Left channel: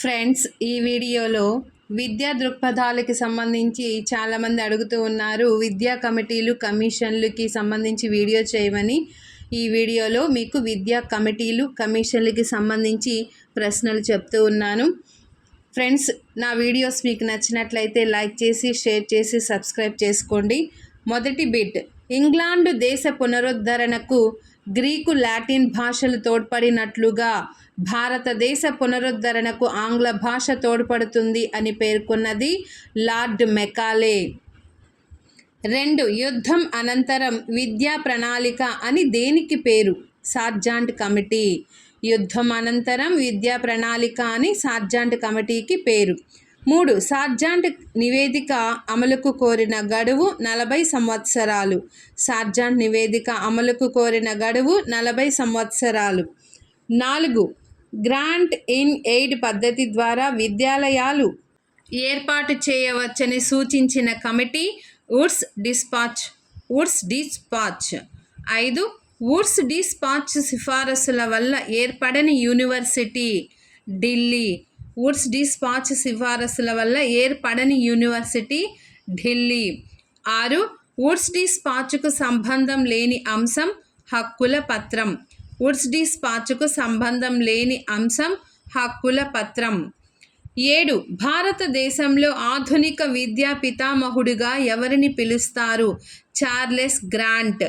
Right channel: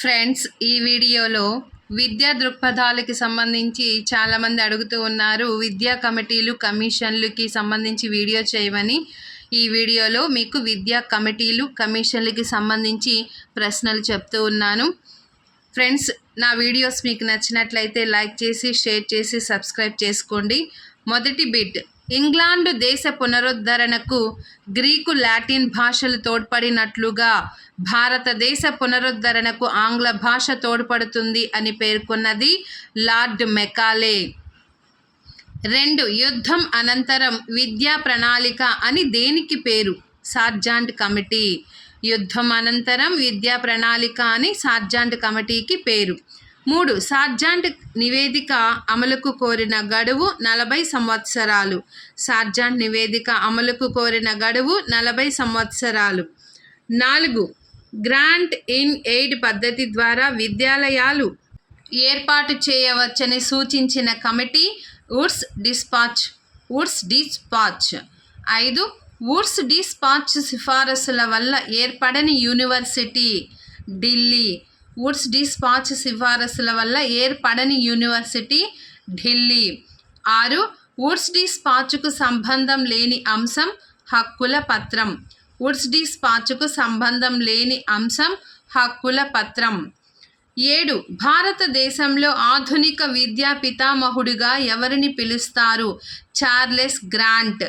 Friends ఈ వీడియోలో విద్యా దృక్పథాలకి సంబంధించి చాలామంది అడుగుతూ ఉన్నారు విద్యా కమిటీలు కమిషన్లకి సంబంధించి వీడియో చేయమని. ఈ వీడియోలో మీకు విద్యా కమిటీలు కమిషన్లకి సంబంధించి ప్రశ్నలు చెప్తూ ఉన్నాను. ఫ్రెండ్స్ నా వీడియోస్ మీకు నచ్చినట్లయితే లైక్ చేసి షేర్ చేసి సబ్స్క్రైబ్ చేసుకోండి. మొదటి బిట్. ఇంగ్లాండు దేశ పునరుద్ధరణకు గ్రీకు లాటిన్ భాషలు తోడ్పడినట్లుగా భారతదేశ పునరుద్ధరణకు ఆంగ్ల భాష తోడ్పడుతుంది అని పేర్కొన్నది లార్డ్ మెకాలే. రెండు యుద్ధం అనంతరం విద్యా ప్రణాళిక అని దేనికి పేరు? Sargent committee. యుద్ధం అనంతరం విద్యా ప్రణాళిక అని సార్జాంట్ కమిటీకి పేరు. మూడు సార్జాంట్ నివేదిక అమలుకు కోరిన గడువు నలభై సంవత్సరాలు. సార్జాంట్ నివేదిక అమలుకు కోరిన గడువు నలభై సంవత్సరాలు. నాలుగు గ్రాంట్ ఇన్ ఎయిడ్ పద్ధతి ద్వారా విద్యాలయాలు ఏర్పాటు చేయవచ్చని సూచించిన committee Woods despatch Woods despatch. ఐదు వుడ్స్ డిస్పాచ్ సిఫారసుల వల్ల ఏర్పడని యూనివర్సిటీ ఢిల్లీ. వుడ్స్ డిస్పాచ్ సిఫారసుల వల్ల ఏర్పడని యూనివర్సిటీ ఢిల్లీ. ఆరు వుడ్స్ డిస్పాచ్కు సంబంధం లేని అంశం హక్కుల పత్రం. వుడ్స్ డిస్పాచ్కు సంబంధం లేని అంశం హక్కుల పత్రం. ఏడు భారతదేశంలో ఆధునిక విద్యా పితామహుడిగా ఎవరిని పిలుస్తారు? Charles Grant.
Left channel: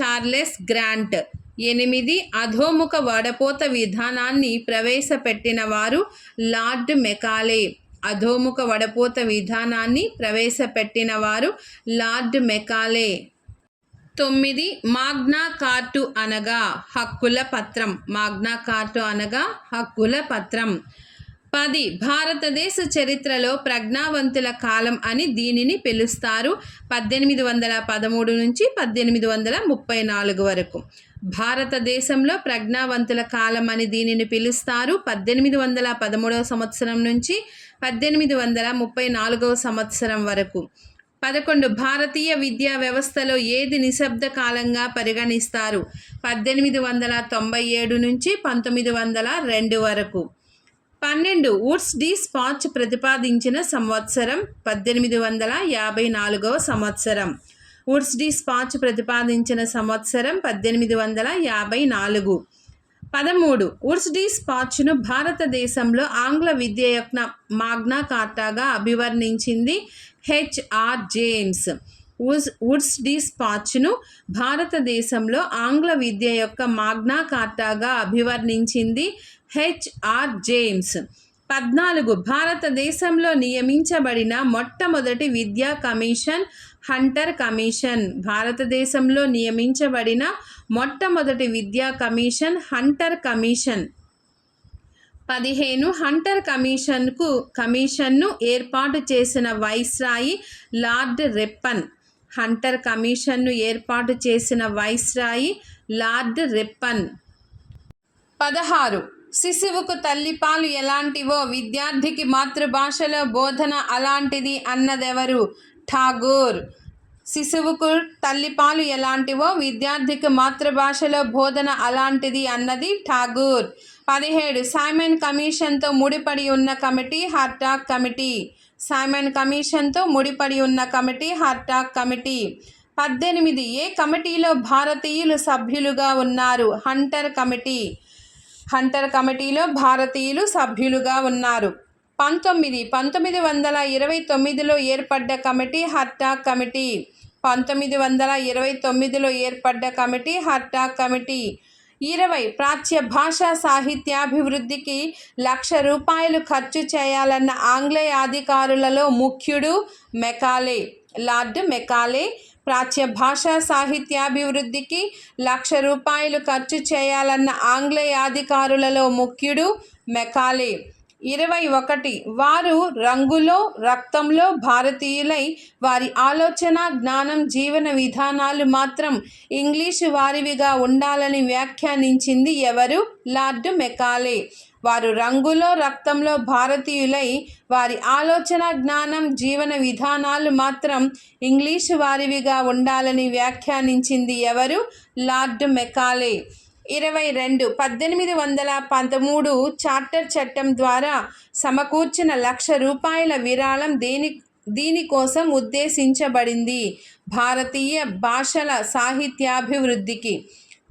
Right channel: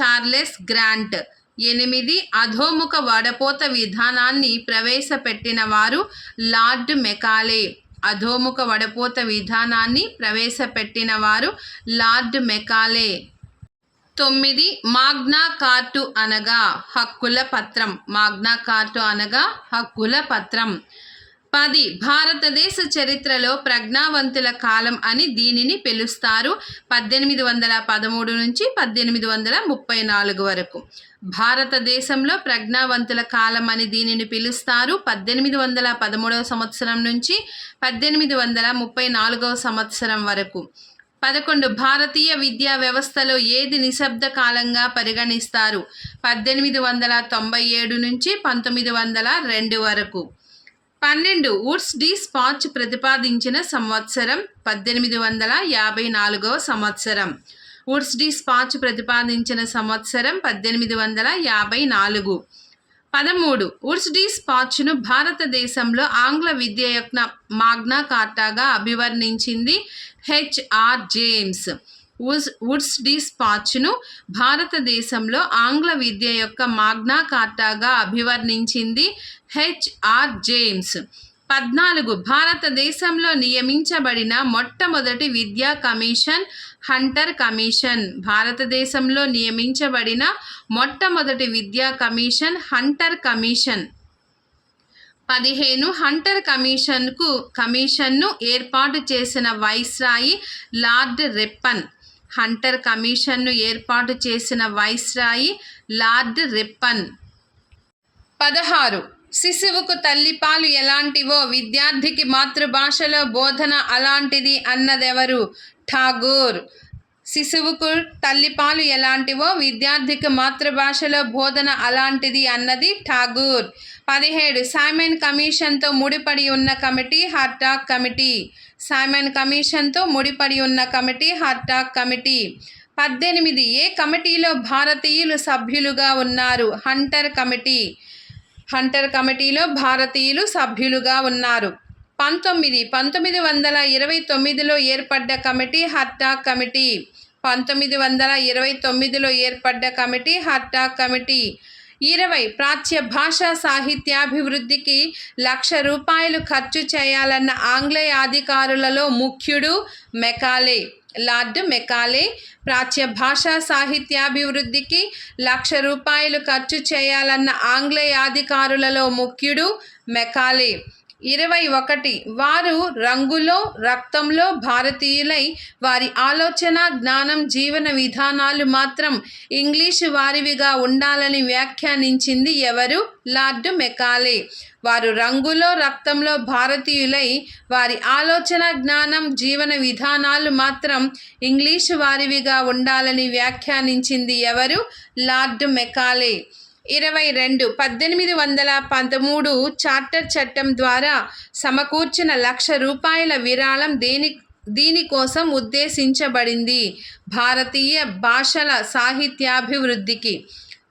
Charles Grant. ఎనిమిది అధోముఖ వడపోత విధానాన్ని ప్రవేశపెట్టిన వారు లార్డ్ మెకాలే. అధోముఖ వడపోత విధానాన్ని ప్రవేశపెట్టిన వారు లార్డ్ మెకాలే. తొమ్మిది మాగ్నా కార్టు అనగా హక్కుల పత్రం. మాగ్నా కార్టు అనగా హక్కుల పత్రం. పది భారతదేశ చరిత్రలో ప్రజ్ఞావంతుల కాలం అని దీనిని పిలుస్తారు. పద్దెనిమిది వందల పదమూడు నుంచి పద్దెనిమిది వందల ముప్పై నాలుగు వరకు. భారతదేశంలో ప్రజ్ఞావంతుల కాలం అని దీనిని పిలుస్తారు. పద్దెనిమిది వందల పదమూడవ సంవత్సరం నుంచి పద్దెనిమిది వందల ముప్పై నాలుగవ సంవత్సరం వరకు. పదకొండు భారతీయ విద్యా వ్యవస్థలో ఏది నిశ్శబ్ద కాలంగా పరిగణిస్తారు? పద్దెనిమిది వందల తొంభై ఏడు నుంచి పంతొమ్మిది వందల రెండు వరకు. పన్నెండు వుడ్స్ డి స్పాచ్ ప్రతిపాదించిన సంవత్సరం పద్దెనిమిది వందల యాభై నాలుగవ సంవత్సరం. వుడ్స్ డి స్పాచ్ ప్రతిపాదించిన సంవత్సరం పద్దెనిమిది వందల యాభై నాలుగు. పదమూడు. వుడ్స్ డి స్పాచ్ను భారతదేశంలో ఆంగ్ల విద్య యొక్క మాగ్నా కార్టాగా అభివర్ణించింది హెచ్ఆర్ జేమ్స్. వుడ్స్ వుడ్స్ డి స్పాచ్ను భారతదేశంలో ఆంగ్ల విద్య యొక్క మాగ్నా కార్టాగా అభివర్ణించింది హెచ్ఆర్ జేమ్స్. పద్నాలుగు. భారతదేశంలో నియమించబడిన మొట్టమొదటి విద్యా కమిషన్ హంటర్ కమిషన్. భారతదేశంలో నియమించబడిన మొట్టమొదటి విద్యా కమిషన్ హంటర్ కమిషన్. పదిహేను హంటర్ కమిషన్కు కమిషన్ను ఏర్పాటు చేసిన వైస్రాయి లార్డ్ రెప్పన్. హంటర్ కమిషన్ను ఏర్పాటు చేసిన వైస్రాయి లార్డ్ రెప్పన్. పదహారు శిశువుకు తల్లిపాలు ఎలాంటివో విద్యార్థికి మాతృభాషలో బోధన అలాంటిది అన్నదెవరు? ఠాగూర్. శిశువుకు తల్లిపాలు ఎలాంటివో విద్యార్థికి మాతృభాషలో బోధన అలాంటిది అన్నది ఠాగూర్. పదిహేడు. సైమన్ కమిషన్తో ముడిపడి ఉన్న కమిటీ హార్టాక్ కమిటీ. సైమన్ కమిషన్తో ముడిపడి ఉన్న కమిటీ హార్టాక్ కమిటీ. పద్దెనిమిది. ఏ కమిటీలో భారతీయులు సభ్యులుగా ఉన్నారు? Hunter committee. హంటర్ కమిటీలో భారతీయులు సభ్యులుగా ఉన్నారు. పంతొమ్మిది. పంతొమ్మిది వందల ఇరవై తొమ్మిదిలో ఏర్పడ్డ కమిటీ హర్టా కమిటీ. పంతొమ్మిది వందల ఇరవై తొమ్మిదిలో ఏర్పడ్డ కమిటీ హర్టా కమిటీ. ఇరవై. ప్రాచ్య భాషా సాహిత్యాభివృద్ధికి లక్ష రూపాయలు ఖర్చు చేయాలన్న ఆంగ్లేయ అధికారులలో ముఖ్యుడు మెకాలే లార్డ్ మెకాలే ప్రాచ్య భాషా సాహిత్యాభివృద్ధికి లక్ష రూపాయలు ఖర్చు చేయాలన్న ఆంగ్లేయ అధికారులలో ముఖ్యుడు మెకాలే. ఇరవై ఒకటి. వారు రంగులో రక్తంలో భారతీయులై వారి ఆలోచన జ్ఞానం జీవన విధానాలు మాత్రం ఇంగ్లీషు వారివిగా ఉండాలని వ్యాఖ్యానించింది ఎవరు? Lord Macaulay. వారు రంగులో రక్తంలో భారతీయులై వారి ఆలోచన జ్ఞానం జీవన విధానాలు మాత్రం ఇంగ్లీషు వారివిగా ఉండాలని వ్యాఖ్యానించింది ఎవరు? Lord Macaulay. ఇరవై రెండు పద్దెనిమిది వందల పంతమూడు చార్టర్ చట్టం ద్వారా సమకూర్చిన లక్ష రూపాయల విరాళం దేని దీనికోసం ఉద్దేశించబడింది? భారతీయ భాషల సాహిత్యాభివృద్ధికి.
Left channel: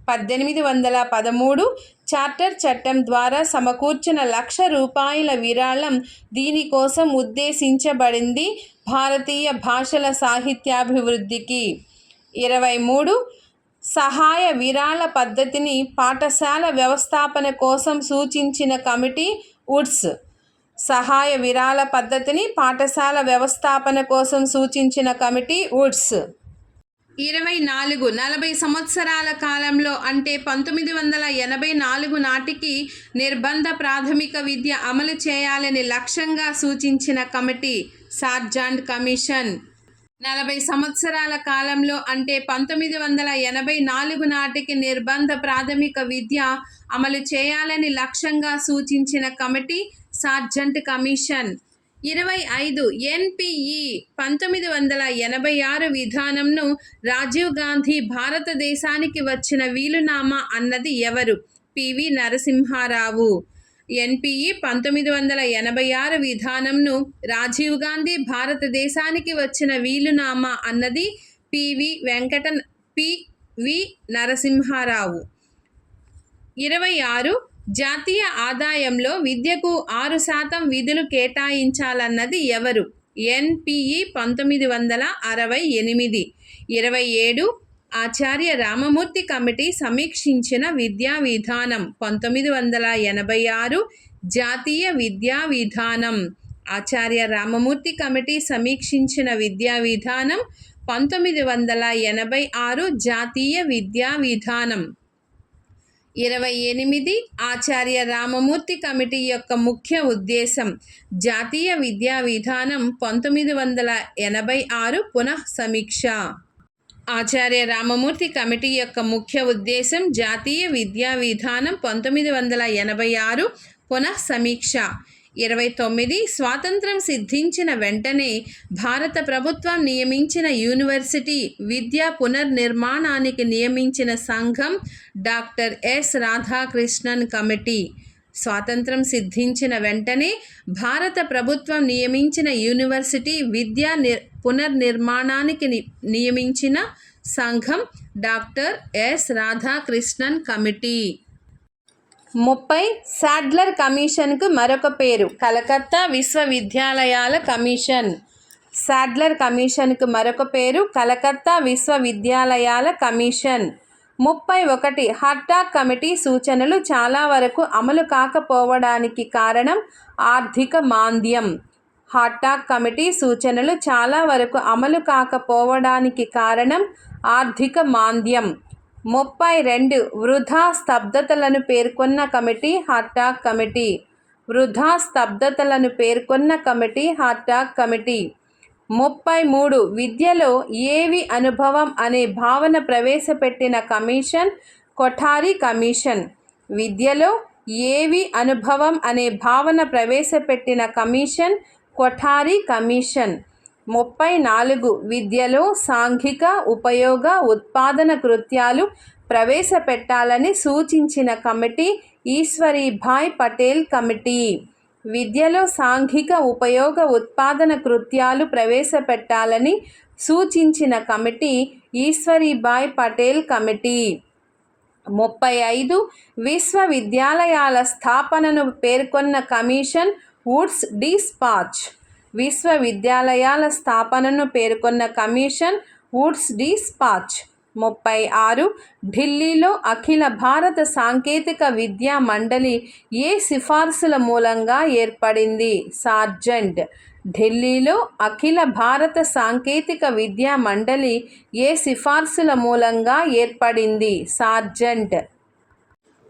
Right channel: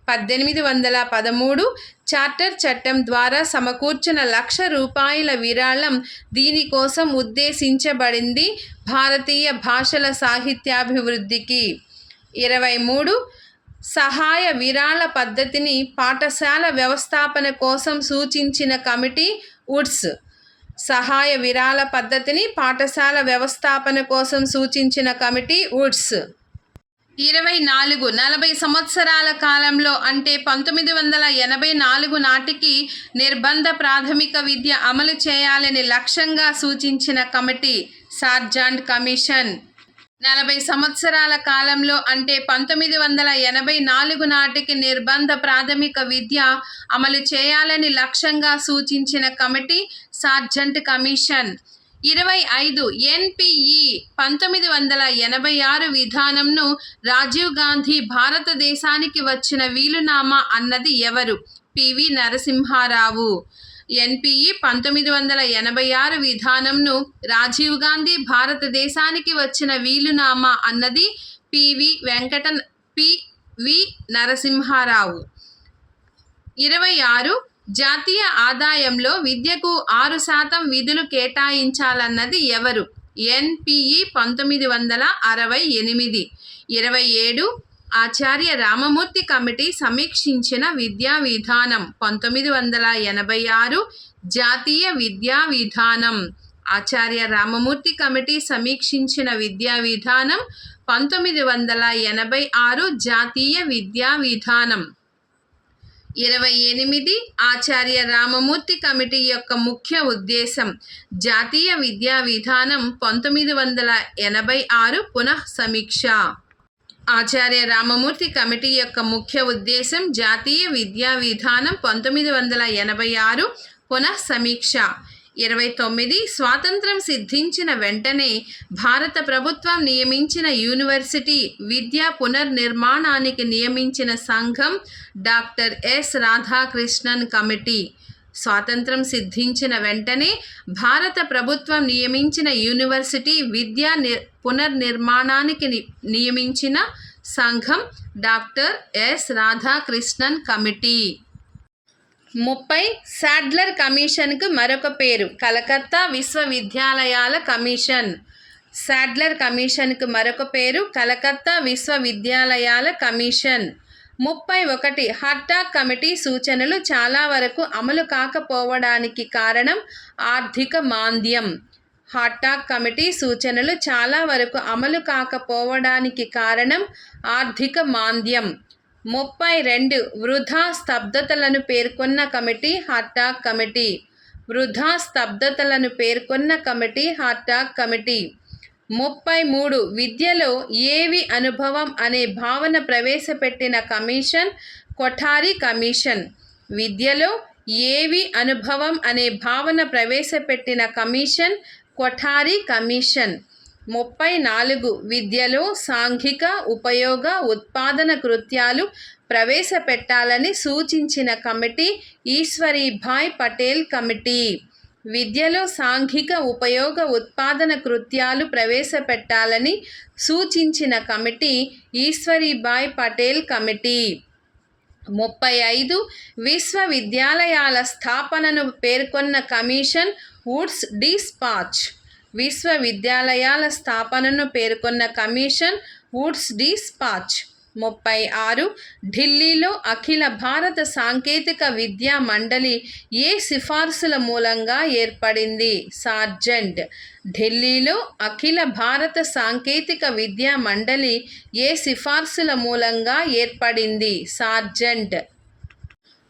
పద్దెనిమిది వందల పదమూడు చార్టర్ చట్టం ద్వారా సమకూర్చిన లక్ష రూపాయల విరాళం దీనికోసం ఉద్దేశించబడింది? భారతీయ భాషల సాహిత్యాభివృద్ధికి. ఇరవై మూడు సహాయ విరాళ పద్ధతిని పాఠశాల వ్యవస్థాపన కోసం సూచించిన కమిటీ వుడ్స్. సహాయ విరాళ పద్ధతిని పాఠశాల వ్యవస్థాపన కోసం సూచించిన కమిటీ వుడ్స్. ఇరవై నాలుగు నలభై సంవత్సరాల కాలంలో అంటే పంతొమ్మిది వందల ఎనభై నాలుగు నాటికి నిర్బంధ ప్రాథమిక విద్య అమలు చేయాలని లక్ష్యంగా సూచించిన కమిటీ సార్జాండ్ కమిషన్. నలభై సంవత్సరాల కాలంలో అంటే పంతొమ్మిది వందల ఎనభై నాలుగు నాటికి నిర్బంధ ప్రాథమిక విద్య అమలు చేయాలని లక్ష్యంగా సూచించిన కమిటీ సార్జెంట్ కమిషన్. ఇరవై ఐదు ఎన్పిఈ పంతొమ్మిది వందల ఎనభై ఆరు విధానంను రాజీవ్ గాంధీ భారతదేశానికి వచ్చిన వీలునామా అన్నది ఎవరు? పివి నరసింహారావు. ఎన్పిఈ పంతొమ్మిది వందల ఎనభై ఆరు విధానంను రాజీవ్ గాంధీ భారతదేశానికి వచ్చిన వీలునామా అన్నది పివి వెంకట పివి నరసింహారావు. ఇరవై ఆరు జాతీయ ఆదాయంలో విద్యకు ఆరు శాతం విధులు కేటాయించాలన్నది ఎవరు? ఎన్పిఈ పంతొమ్మిది వందల అరవై ఎనిమిది. ఇరవై ఏడు ఆచార్య రామమూర్తి కమిటీ సమీక్షించిన విద్యా విధానం పంతొమ్మిది వందల ఎనభై ఆరు జాతీయ విద్యా విధానం. ఆచార్య రామమూర్తి కమిటీ సమీక్షించిన విద్యా విధానం పంతొమ్మిది వందల ఎనభై ఆరు జాతీయ విద్యా విధానం. ఇరవై ఎనిమిది ఆచార్య రామమూర్తి కమిటీ యొక్క ముఖ్య ఉద్దేశం జాతీయ విద్యా విధానం పంతొమ్మిది వందల ఎనభై ఆరు పునః సమీక్ష. ఆచార్య రామమూర్తి కమిటీ యొక్క ముఖ్య ఉద్దేశం జాతీయ విద్యా విధానం పంతొమ్మిది వందల ఎనభై ఆరు పునః సమీక్ష ఇరవై తొమ్మిది స్వాతంత్రం సిద్ధించిన వెంటనే భారత ప్రభుత్వం నియమించిన యూనివర్సిటీ విద్యా పునర్నిర్మాణానికి నియమించిన సంఘం డాక్టర్ ఎస్ రాధాకృష్ణన్ కమిటీ. స్వాతంత్రం సిద్ధించిన వెంటనే భారత ప్రభుత్వం నియమించిన యూనివర్సిటీ విద్యా నిర్ పునర్నిర్మాణానికి ని- నియమించిన సంఘం డాక్టర్ ఎస్ రాధాకృష్ణన్ కమిటీ. ముప్పై సాడ్లర్ కమిషన్కు మరొక పేరు కలకత్తా విశ్వవిద్యాలయాల కమిషన్. సాడ్లర్ కమిషన్కు మరొక పేరు కలకత్తా విశ్వవిద్యాలయాల కమిషన్. ముప్పై ఒకటి హర్టాక్ కమిటీ సూచనలు చాలా వరకు అమలు కాకపోవడానికి కారణం ఆర్థిక మాంద్యం. హాటాక్ కమిటీ సూచనలు చాలా వరకు అమలు కాకపోవడానికి కారణం ఆర్థిక మాంద్యం. ముప్పై రెండు వృధా స్తబ్దతలను పేర్కొన్న కమిటీ హాటాక్ కమిటీ. వృధా స్తబ్దతలను పేర్కొన్న కమిటీ హాటాక్ కమిటీ. ముప్పై మూడు. విద్యలో ఏవి అనుభవం అనే భావన ప్రవేశపెట్టిన కమిషన్? కొఠారి కమిషన్. విద్యలో ఏవి అనుభవం అనే భావన ప్రవేశపెట్టిన కమిషన్? కొఠారి కమిషన్. ముప్పై నాలుగు. విద్యలో సాంఘిక ఉపయోగ ఉత్పాదన కృత్యాలు ప్రవేశపెట్టాలని సూచించిన కమిటీ? ఈశ్వరీభాయ్ పటేల్ కమిటీ. విద్యలో సాంఘిక ఉపయోగ ఉత్పాదన కృత్యాలు ప్రవేశపెట్టాలని సూచించిన కమిటీ ఈశ్వరీబాయ్ పటేల్ కమిటీ. ముప్పై ఐదు విశ్వవిద్యాలయాల స్థాపనను పేర్కొన్న కమిషన్ వుడ్స్ డిస్పాచ్ విశ్వవిద్యాలయాల స్థాపనను పేర్కొన్న కమిషన్ వుడ్స్ డిస్పాచ్ ముప్పై ఆరు ఢిల్లీలో అఖిల భారత సాంకేతిక విద్యా మండలి ఏ సిఫార్సుల మూలంగా ఏర్పడింది? సార్జెంట్. ఢిల్లీలో అఖిల భారత సాంకేతిక విద్యా మండలి ఏ సిఫార్సుల మూలంగా ఏర్పడింది? సార్జెంట్.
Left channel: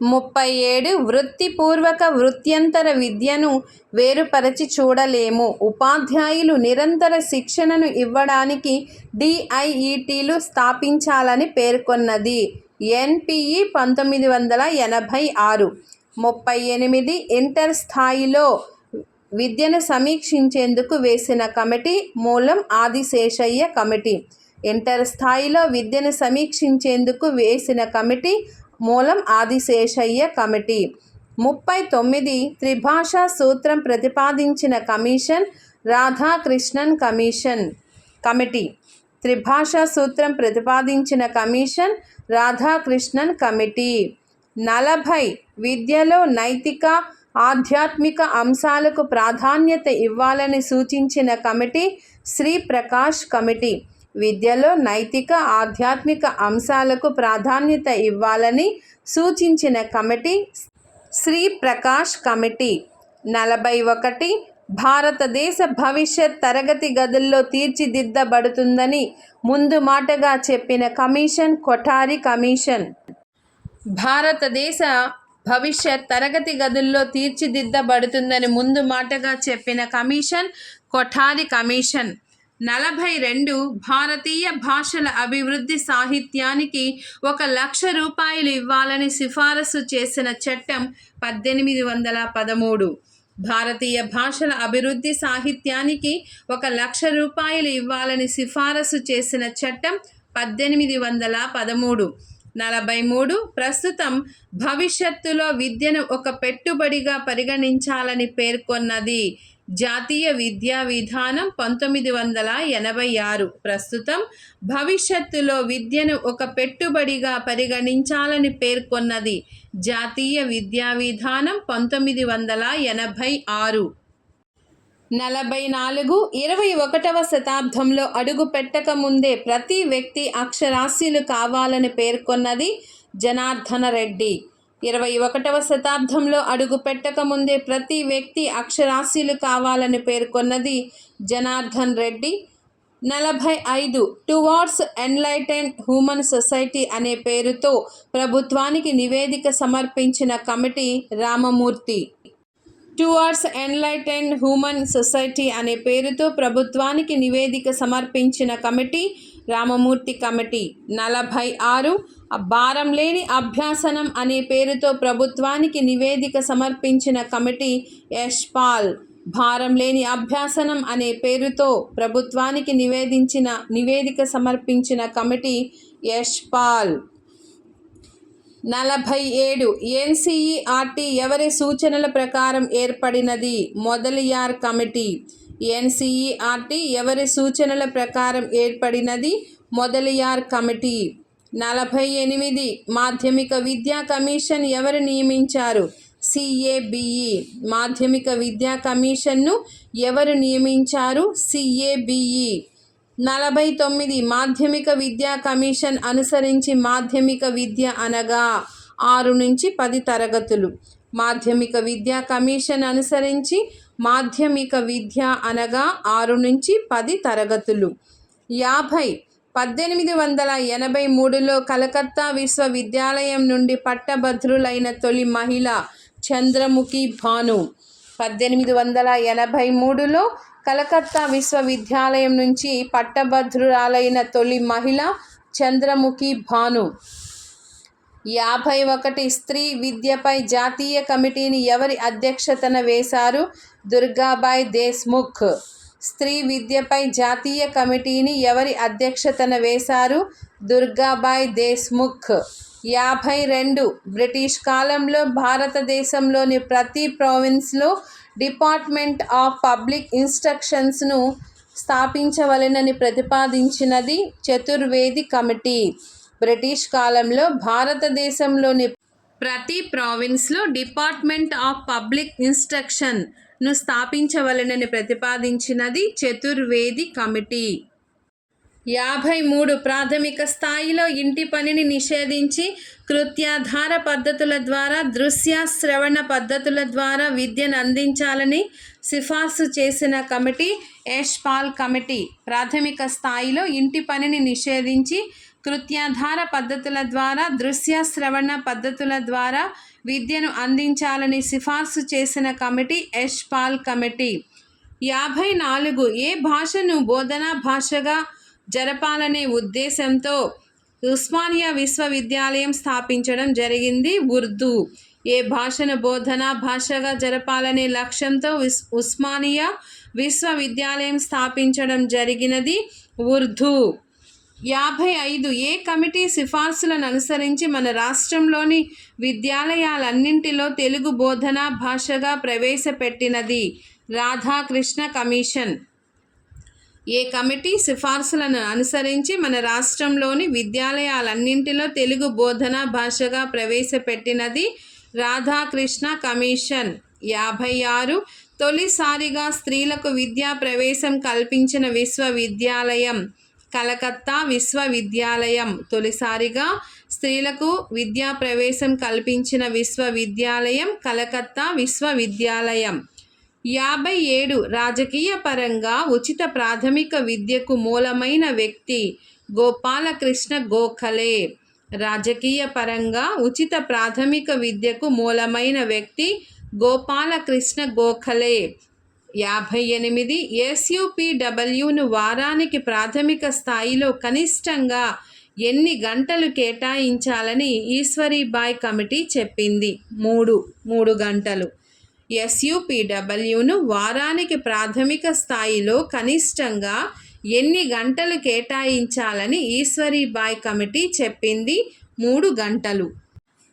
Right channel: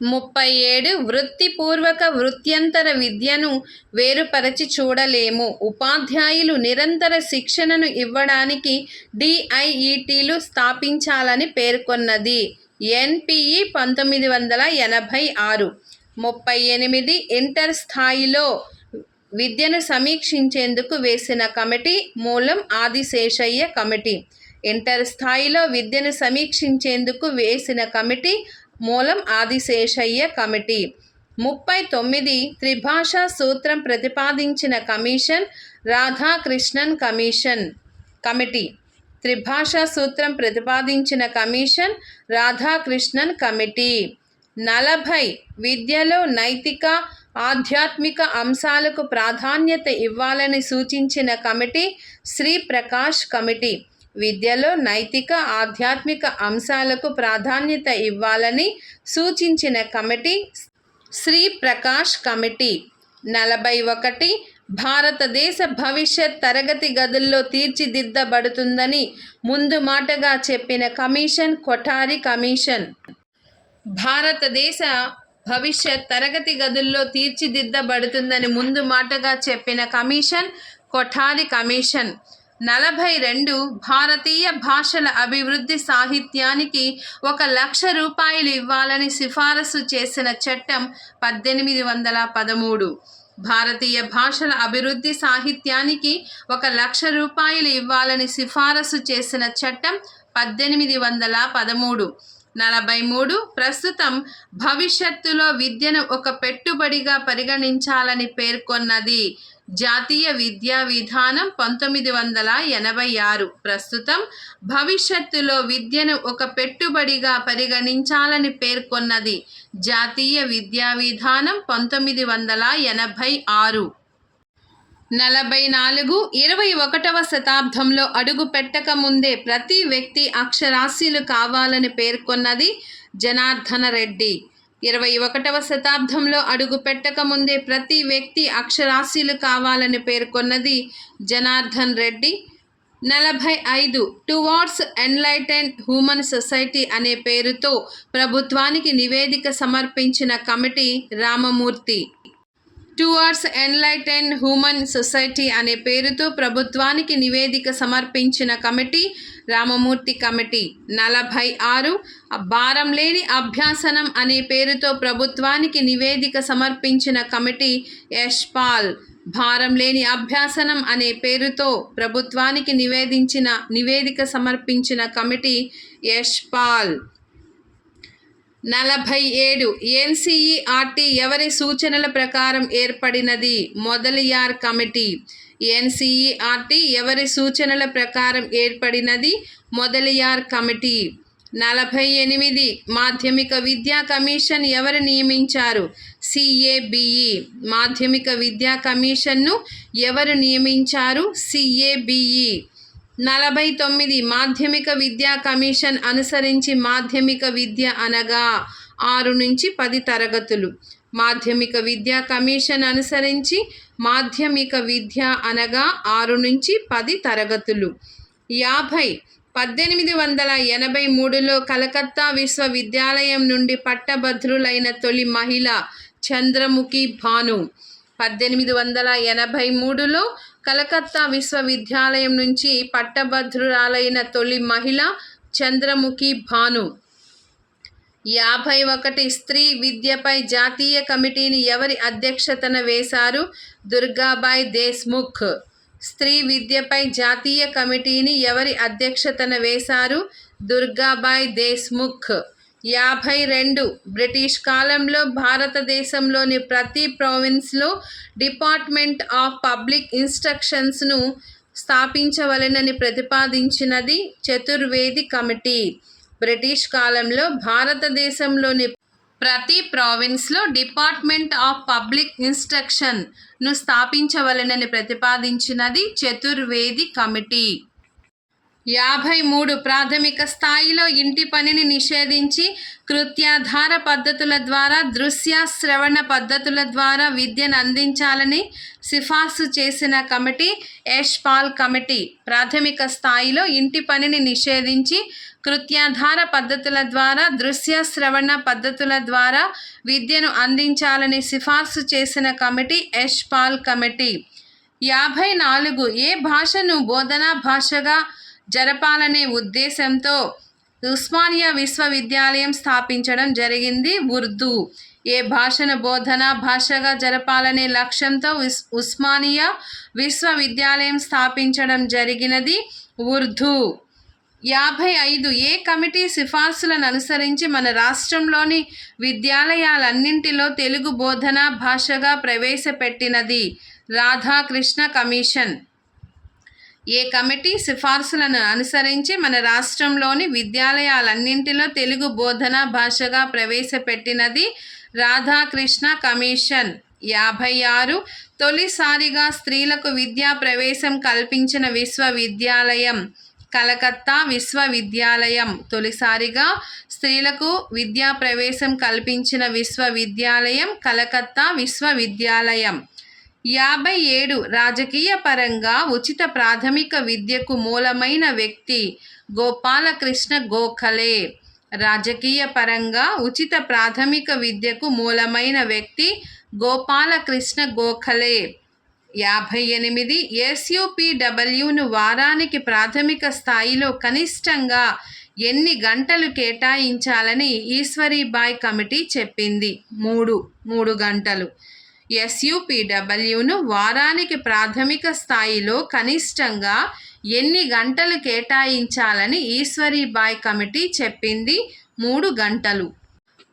ముప్పై ఏడు వృత్తిపూర్వక వృత్యంతర విద్యను వేరుపరచి చూడలేము. ఉపాధ్యాయులు నిరంతర శిక్షణను ఇవ్వడానికి డిఐఈటీలు స్థాపించాలని పేర్కొన్నది. ఎన్పిఈ పంతొమ్మిది వందల ఎనభై ఆరు. ముప్పై ఎనిమిది ఇంటర్ స్థాయిలో విద్యను సమీక్షించేందుకు వేసిన కమిటీ మూలం ఆదిశేషయ్య కమిటీ. ఇంటర్ స్థాయిలో విద్యను సమీక్షించేందుకు వేసిన కమిటీ మూలం ఆదిశేషయ్య కమిటీ. ముప్పై తొమ్మిది త్రిభాషా సూత్రం ప్రతిపాదించిన కమిషన్ రాధాకృష్ణన్ కమిషన్. కమిటీ. త్రిభాషా సూత్రం ప్రతిపాదించిన కమిషన్ రాధాకృష్ణన్ కమిటీ. నలభై విద్యలో నైతిక ఆధ్యాత్మిక అంశాలకు ప్రాధాన్యత ఇవ్వాలని సూచించిన కమిటీ శ్రీ ప్రకాష్ కమిటీ. విద్యలో నైతిక ఆధ్యాత్మిక అంశాలకు ప్రాధాన్యత ఇవ్వాలని సూచించిన కమిటీ శ్రీ ప్రకాష్ కమిటీ. నలభై ఒకటి భారతదేశ భవిష్యత్ తరగతి గదుల్లో తీర్చిదిద్దబడుతుందని ముందు మాటగా చెప్పిన కమిషన్ కొఠారి కమిషన్. భారతదేశ భవిష్యత్ తరగతి గదుల్లో తీర్చిదిద్దబడుతుందని ముందు మాటగా చెప్పిన కమిషన్ కొఠారి కమిషన్. నలభై రెండు భారతీయ భాషల అభివృద్ధి సాహిత్యానికి ఒక లక్ష రూపాయలు ఇవ్వాలని సిఫారసు చేసిన చట్టం పద్దెనిమిది వందల పదమూడు. భారతీయ భాషల అభివృద్ధి సాహిత్యానికి ఒక లక్ష రూపాయలు ఇవ్వాలని సిఫారసు చేసిన చట్టం పద్దెనిమిది వందల పదమూడు. నలభై మూడు ప్రస్తుతం భవిష్యత్తులో విద్యను ఒక పెట్టుబడిగా పరిగణించాలని పేర్కొన్నది. జాతీయ విద్యా విధానం పంతొమ్మిది వందల ఎనభై ఆరు. ప్రస్తుతం భవిష్యత్తులో విద్యను ఒక పెట్టుబడిగా పరిగణించాలని పేర్కొన్నది జాతీయ విద్యా విధానం పంతొమ్మిది వందల ఎనభై ఆరు. నలభై నాలుగు ఇరవై ఒకటవ శతాబ్దంలో అడుగు పెట్టక ముందే ప్రతి వ్యక్తి అక్షరాస్యులు కావాలని పేర్కొన్నది జనార్దన రెడ్డి. ఇరవై ఒకటవ శతాబ్దంలో అడుగు పెట్టక ముందే ప్రతి వ్యక్తి అక్షరాస్యులు కావాలని పేర్కొన్నది జనార్దన్ రెడ్డి. నలభై ఐదు టువార్డ్స్ ఎన్లైటెన్ హ్యూమన్ సొసైటీ అనే పేరుతో ప్రభుత్వానికి నివేదిక సమర్పించిన committee Ramamurthi. Towards enlighten human society అనే పేరుతో ప్రభుత్వానికి నివేదిక సమర్పించిన కమిటీ రామమూర్తి కమిటీ. నలభై ఆరు భారం లేని అభ్యాసనం అనే పేరుతో ప్రభుత్వానికి నివేదిక సమర్పించిన కమిటీ యష్పాల్ భారం లేని అభ్యాసనం అనే పేరుతో ప్రభుత్వానికి నివేదించిన నివేదిక సమర్పించిన కమిటీ యష్పాల్ నలభై ఏడు ఎన్సిఈఆర్టీ ఎవరి సూచనల ప్రకారం ఏర్పడినది? మొదలియార్ కమిటీ. ఎన్సిఈఆర్టీ ఎవరి సూచనల ప్రకారం ఏర్పడినది? మొదలియార్ కమిటీ. నలభై ఎనిమిది మాధ్యమిక విద్యా కమిషన్ ఎవరు నియమించారు? సిఏబిఈ. మాధ్యమిక విద్యా కమిషన్ను ఎవరు నియమించారు? సిఏబిఈ. నలభై తొమ్మిది మాధ్యమిక విద్యా కమిషన్ అనుసరించి మాధ్యమిక విద్య అనగా ఆరు నుంచి పది తరగతులు. మాధ్యమిక విద్యా కమిషన్ అనుసరించి మాధ్యమిక విద్య అనగా ఆరు నుంచి పది తరగతులు. యాభై పద్దెనిమిది వందల ఎనభై మూడులో కలకత్తా విశ్వవిద్యాలయం నుండి పట్టభద్రులైన తొలి మహిళ చంద్రముఖి భాను. పద్దెనిమిది వందల ఎనభై మూడులో కలకత్తా విశ్వవిద్యాలయం నుంచి పట్టభద్రురాలైన తొలి మహిళ చంద్రముఖి భాను. యాభై ఒకటి స్త్రీ విద్యపై జాతీయ కమిటీని ఎవరి అధ్యక్షతన వేశారు? దుర్గాబాయ్ దేశ్ముఖ్. స్త్రీ విద్యపై జాతీయ కమిటీని ఎవరి అధ్యక్షతన వేశారు? దుర్గాబాయ్ దేశ్ముఖ్. యాభై రెండు బ్రిటిష్ కాలంలో భారతదేశంలోని ప్రతి ప్రావిన్స్లో డిపార్ట్మెంట్ ఆఫ్ పబ్లిక్ ఇన్స్ట్రక్షన్స్ను స్థాపించవలెనని ప్రతిపాదించినది చతుర్వేది కమిటీ. బ్రిటిష్ కాలంలో భారతదేశంలోని ప్రతి ప్రావిన్స్లో డిపార్ట్మెంట్ ఆఫ్ పబ్లిక్ ఇన్స్ట్రక్షన్ను స్థాపించవలెనని ప్రతిపాదించినది చతుర్వేది కమిటీ. యాభై మూడు ప్రాథమిక స్థాయిలో ఇంటి పనిని నిషేధించి కృత్యాధార పద్ధతుల ద్వారా దృశ్య శ్రవణ పద్ధతుల ద్వారా విద్యను అందించాలని సిఫార్సు చేసిన కమిటీ యష్పాల్ కమిటీ ప్రాథమిక స్థాయిలో ఇంటి పనిని నిషేధించి కృత్యాధార పద్ధతుల ద్వారా దృశ్య శ్రవణ పద్ధతుల ద్వారా విద్యను అందించాలని సిఫార్సు చేసిన కమిటీ యష్పాల్ కమిటీ. యాభై నాలుగు ఏ భాషను బోధనా భాషగా జరపాలనే ఉద్దేశంతో ఉస్మానియా విశ్వవిద్యాలయం స్థాపించడం జరిగింది ఉర్దూ. ఏ భాషను బోధన భాషగా జరపాలనే లక్ష్యంతో ఉస్ ఉస్మానియా విశ్వవిద్యాలయం స్థాపించడం జరిగినది ఉర్దూ. యాభై ఐదు ఏ కమిటీ సిఫార్సులను అనుసరించి మన రాష్ట్రంలోని విద్యాలయాలన్నింటిలో తెలుగు బోధన భాషగా ప్రవేశపెట్టినది రాధాకృష్ణ కమిషన్. ఏ కమిటీ సిఫార్సులను అనుసరించి మన రాష్ట్రంలోని విద్యాలయాలన్నింటిలో తెలుగు బోధన భాషగా ప్రవేశపెట్టినది రాధాకృష్ణ కమిషన్. యాభై ఆరు తొలిసారిగా స్త్రీలకు విద్యా ప్రవేశం కల్పించిన విశ్వవిద్యాలయం కలకత్తా విశ్వవిద్యాలయం. తొలిసారిగా స్త్రీలకు విద్యా ప్రవేశం కల్పించిన విశ్వవిద్యాలయం కలకత్తా విశ్వవిద్యాలయం. యాభై ఏడు రాజకీయ పరంగా ఉచిత ప్రాథమిక విద్యకు మూలమైన వ్యక్తి గోపాలకృష్ణ గోఖలే. రాజకీయ పరంగా ఉచిత ప్రాథమిక విద్యకు మూలమైన వ్యక్తి గోపాలకృష్ణ గోఖలే. యాభై ఎనిమిది ఎస్యుపిడబ్ల్యూను వారానికి ప్రాథమిక స్థాయిలో కనిష్టంగా ఎన్ని గంటలు కేటాయించాలని ఈశ్వరీబాయ్ కమిటీ చెప్పింది. మూడు మూడు గంటలు. ఎస్యూపీడబ్ల్యూను వారానికి ప్రాథమిక స్థాయిలో కనిష్టంగా ఎన్ని గంటలు కేటాయించాలని ఈశ్వరీబాయ్ కమిటీ చెప్పింది? మూడు గంటలు.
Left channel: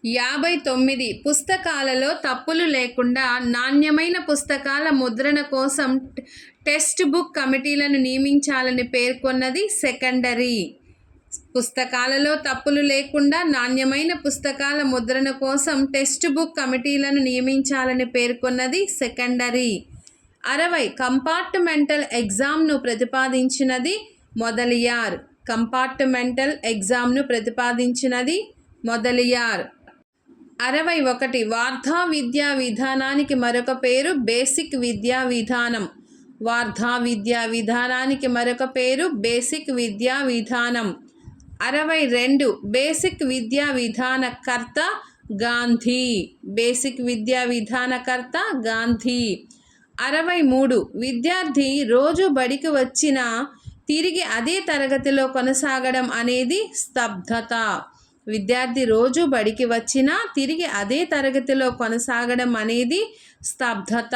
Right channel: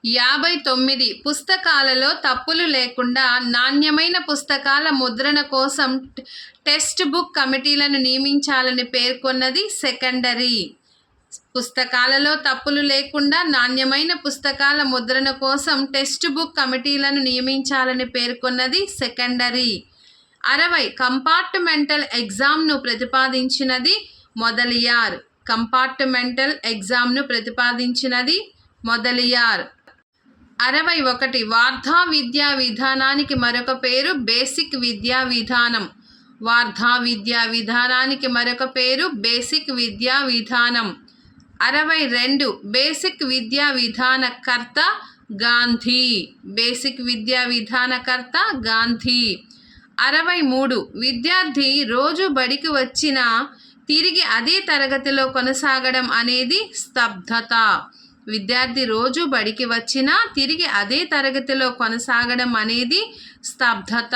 యాభై తొమ్మిది పుస్తకాలలో తప్పులు లేకుండా నాణ్యమైన పుస్తకాల ముద్రణ కోసం టెక్స్ట్ బుక్ కమిటీలను నియమించాలని పేర్కొన్నది సెకండరీ. పుస్తకాలలో తప్పులు లేకుండా నాణ్యమైన పుస్తకాల ముద్రణ కోసం టెక్స్ట్ బుక్ కమిటీలను నియమించాలని పేర్కొన్నది సెకండరీ. అరవై కంపార్ట్మెంటల్ ఎగ్జామ్ను ప్రతిపాదించినది మొదలియార్. కంపార్ట్మెంటల్ ఎగ్జామ్ను ప్రతిపాదించినది మొదలియార్. అరవై ఒకటి వార్ధా విద్యా విధానానికి మరొక పేరు బేసిక్ విద్యా విధానం. వార్ధా విద్యా విధానానికి మరొక పేరు బేసిక్ విద్యా విధానం. అరవై రెండు బేసిక్ విద్యా విధానకర్త గాంధీ. బేసిక్ విద్యా విధానకర్త గాంధీ. అరవై మూడు విద్యార్థి రోజు బడికి వచ్చిన తిరిగి అదే తరగతిలో కొనసాగడం అనేది స్తబ్దత విద్యార్థి రోజు బడికి వచ్చినా తిరిగి అదే తరగతిలో కొనసాగడం అనేది స్తబ్దత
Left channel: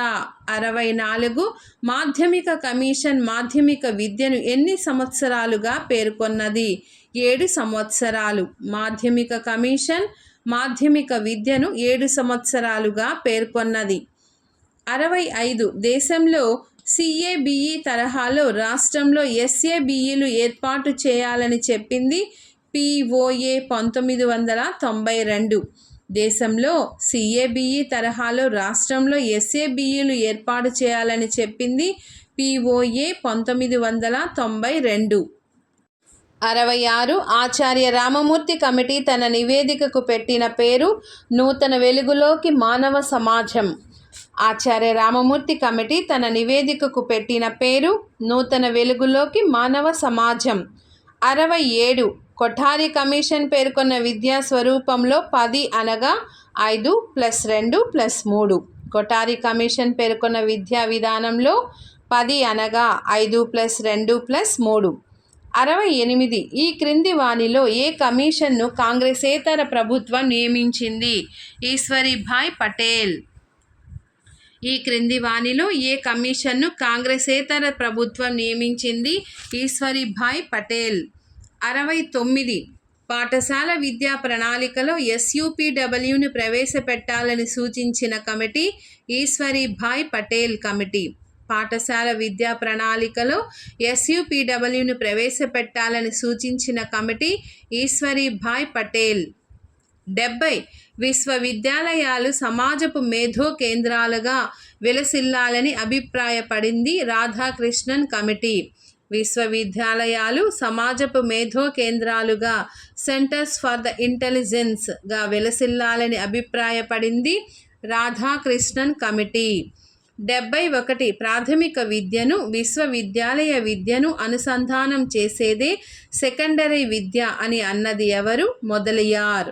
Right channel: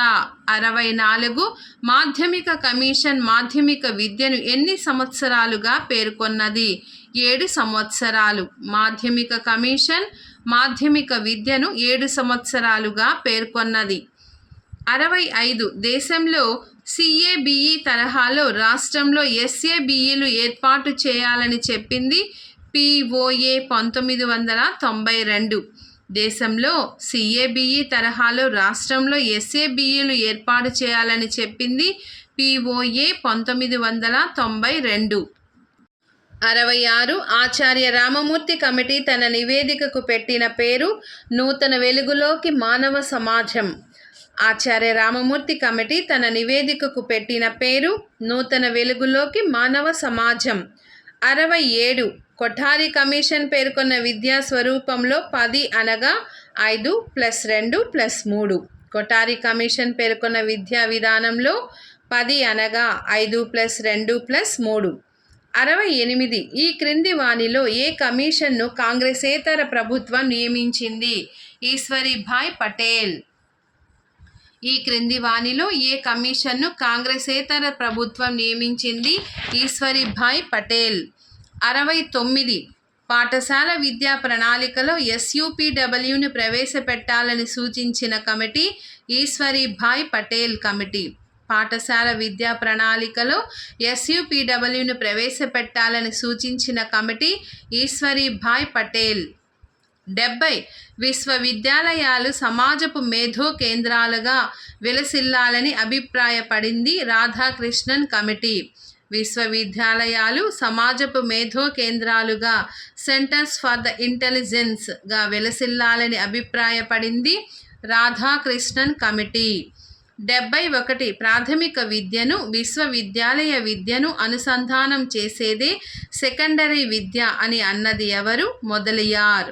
అరవై నాలుగు మాధ్యమిక కమిషన్ మాధ్యమిక విద్యను ఎన్ని సంవత్సరాలుగా పేర్కొన్నది? ఏడు సంవత్సరాలు. మాధ్యమిక కమిషన్ మాధ్యమిక విద్యను ఏడు సంవత్సరాలుగా పేర్కొన్నది. అరవై ఐదు దేశంలో సిఏబిఈ తరహాలో రాష్ట్రంలో ఎస్ఏబిఈలు ఏర్పాటు చేయాలని చెప్పింది పిఓఏ పంతొమ్మిది వందల తొంభై రెండు. దేశంలో సిఏబిఈ తరహాలో రాష్ట్రంలో ఎస్ఏబిఈలు ఏర్పాటు చేయాలని చెప్పింది పిఓఏ పంతొమ్మిది వందల తొంభై రెండు. అరవై ఆరు ఆచార్య రామమూర్తి కమిటీ తన నివేదికకు పెట్టిన పేరు నూతన వెలుగులోకి మానవ సమాజం. ఆచార్య రామమూర్తి కమిటీ తన నివేదికకు పెట్టిన పేరు నూతన వెలుగులోకి మానవ సమాజం. అరవై ఏడు కొఠారి కమిషన్ పేర్కొన్న విద్యా స్వరూపంలో పది అనగా ఐదు ప్లస్ రెండు ప్లస్ మూడు. కొఠారి కమిషన్ పేర్కొన్న విద్యా విధానంలో పది అనగా ఐదు ప్లస్ రెండు ప్లస్ మూడు. అరవై ఎనిమిది. ఈ క్రింది వానిలో ఏ కమిషన్ను కాంగ్రెసేతర ప్రభుత్వం నియమించింది? ఈశ్వరీభాయ్ పటేల్. ఈ క్రింది వాణిలో ఏ కమిషన్ను కాంగ్రెసేతర ప్రభుత్వం నియమించింది? ఈశ్వరీభాయ్ పటేల్. అరవై తొమ్మిది. పాఠశాల విద్యా ప్రణాళికలో ఎస్యూపీడబ్ల్యూని ప్రవేశపెట్టాలని సూచించిన కమిటీ ఈశ్వరీభాయ్ పటేల్ కమిటీ. పాఠశాల విద్యా ప్రణాళికలో ఎస్యూపీడబ్ల్యూని ప్రవేశపెట్టాలని సూచించిన కమిటీ ఈశ్వరీభాయ్ పటేల్. డెబ్బై విశ్వవిద్యాలయాలు సమాజపు మేధో కేంద్రాలుగా విలసిల్లాలని అభిప్రాయపడింది రాధాకృష్ణన్ కమిటీ. విశ్వవిద్యాలయాలు సమాజపు మేధో కేంద్రాలుగా సెంటర్స్ ఫర్ ద ఇంటెలిజెన్స్గా విలసిల్లాలని అభిప్రాయపడింది రాధాకృష్ణన్ కమిటీ. డెబ్బై ఒకటి ప్రాథమిక విద్యను విశ్వవిద్యాలయ విద్యను అనుసంధానం చేసేదే సెకండరీ విద్య అని అన్నది ఎవరు? మొదలియార్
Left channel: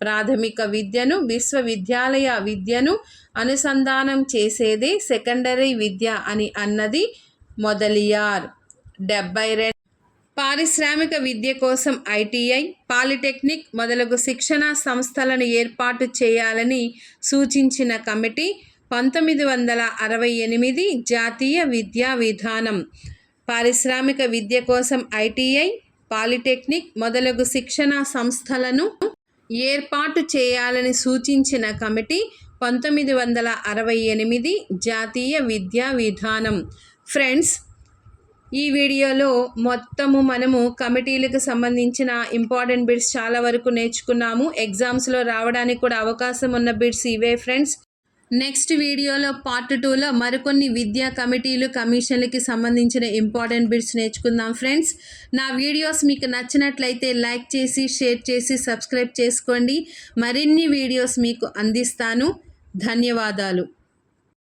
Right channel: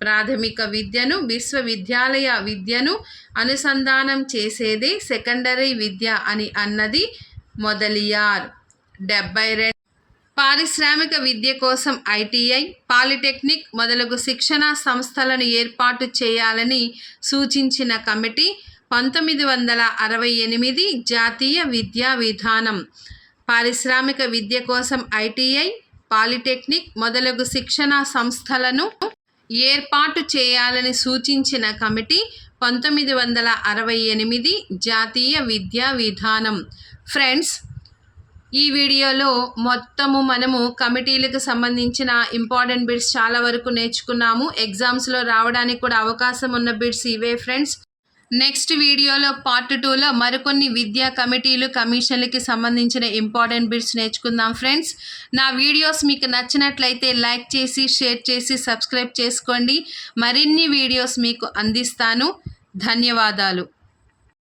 ప్రాథమిక విద్యను విశ్వవిద్యాలయ విద్యను అనుసంధానం చేసేదే సెకండరీ విద్య అని అన్నది మొదలియార్ డెబ్బై రెండు పారిశ్రామిక విద్య కోసం ఐటీఐ పాలిటెక్నిక్ మొదలగు శిక్షణా సంస్థలను ఏర్పాటు చేయాలని సూచించిన కమిటీ పంతొమ్మిది వందల అరవై ఎనిమిది జాతీయ విద్యా విధానం. పారిశ్రామిక విద్య కోసం ఐటీఐ పాలిటెక్నిక్ మొదలగు శిక్షణా సంస్థలను ఏర్పాటు చేయాలని సూచించిన కమిటీ పంతొమ్మిది వందల అరవై ఎనిమిది జాతీయ విద్యా విధానం. ఫ్రెండ్స్ ఈ వీడియోలో మొత్తము మనము కమిటీలకు సంబంధించిన ఇంపార్టెంట్ బిట్స్ చాలా వరకు నేర్చుకున్నాము. ఎగ్జామ్స్లో రావడానికి కూడా అవకాశం ఉన్న బిట్స్ ఇవే ఫ్రెండ్స్. నెక్స్ట్ వీడియోలో పార్ట్ టూలో మరికొన్ని విద్యా కమిటీలు కమిషన్లకి సంబంధించిన ఇంపార్టెంట్ బిట్స్ నేర్చుకుందాం ఫ్రెండ్స్ నా వీడియోస్ మీకు నచ్చినట్లయితే లైక్ చేసి షేర్ చేసి సబ్స్క్రైబ్ చేసుకోండి. మరిన్ని వీడియోస్ మీకు అందిస్తాను. ధన్యవాదాలు.